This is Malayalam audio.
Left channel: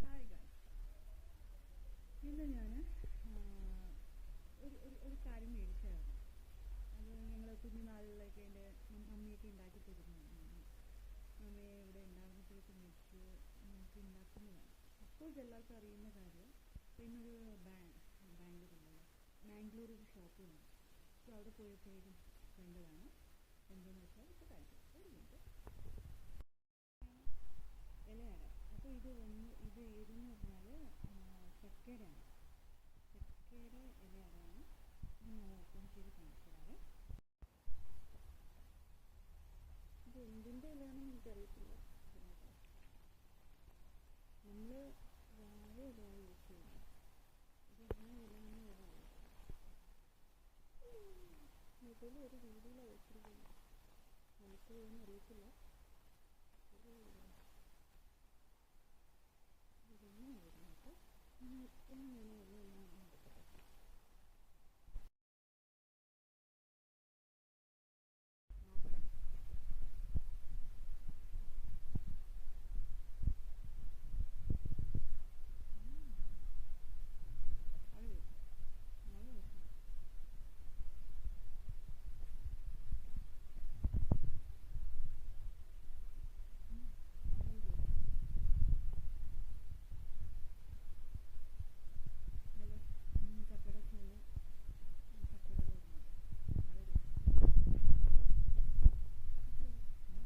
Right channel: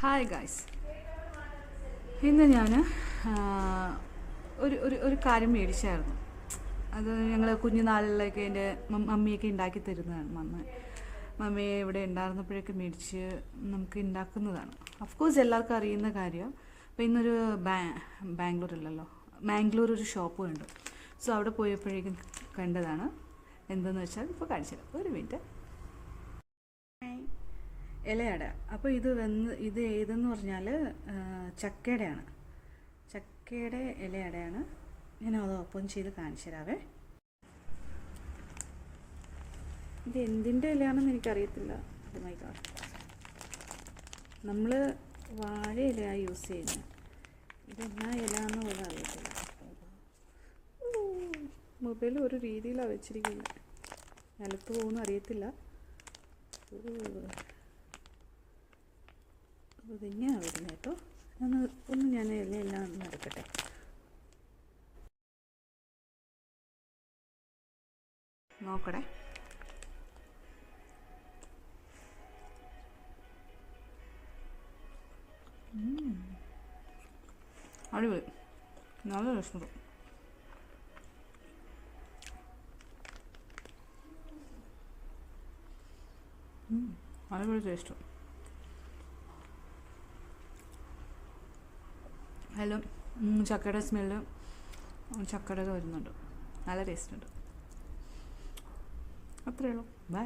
ഹായ് ഗായ്സ്, ഇന്ന് ഞാൻ ഒരു ഒരു ഒരു കാര്യം മേടിച്ചായിരുന്നു. അത് ഞങ്ങൾ കുഞ്ഞുനാളിലൊക്കെ എൻ്റെ മമ്മിയൊക്കെ ഉണ്ടാക്കി തരുന്നതാണ്. മമ്മി ഇവിടെ ഉണ്ടായിരുന്നപ്പോഴൊക്കെ മേടിച്ച് നമുക്ക് ഉണ്ടാക്കുന്നതാണ്. ഓഫ് കോഴ്സ് എല്ലാവർക്കും അറിയുന്ന കാര്യം. അപ്പോൾ ഇന്നൊരു മാംഗ്ലൂർ ഒരു ഷോപ്പ് ഉണ്ട്. സോ അവിടെ പോയപ്പോഴേക്കും കണ്ടതാണ്. എന്തെന്ന് വെച്ചാൽ ഇപ്പോൾ കാണിച്ചു തരാം. ഒരു മിനിറ്റ്. ഇലയട. അപ്പോൾ ഇത് ഏതെന്ന് പറഞ്ഞാൽ ചക്കയുടെയാണ്. ചക്കയുടെ ഇലയടയാണ്. ഞാൻ അത് ഓപ്പൺ ചെയ്ത് കാണിച്ചു തരാവേ. ഇത് എന്തിൻ്റെ ഇലയാണെന്ന് എനിക്കറിയത്തില്ല. ഓ മൈ ഗോഡ്, നമ്മൾ വാഴ ഇലയാണ് യൂസ് ചെയ്യുന്നത്. ഇതെന്നാ ഇലയാണെന്ന് പോലും അറിയത്തില്ല. മൊബൈൽ ഒരു രീതിയിലാണ് വെച്ചിരിക്കുന്നത്. നിലത്ത് പോകുമെന്ന് അറിയത്തില്ല. ഇതെങ്ങനെയാണ് വരുന്നത് കേട്ടോ. ഞാൻ എല്ലാം നടക്കട്ടെ. നോക്കണേ. അടിപൊളി, നല്ല രസമുണ്ട്. അടിപൊളി ടേസ്റ്റ്. എല്ലാം ചക്കയുടെ സ്മെല്ല് ചക്കയുടെ വരുന്നുണ്ട്. നല്ല ടേസ്റ്റ് ഉണ്ട്. അത്രയേ ഉള്ളൂ. ബൈ.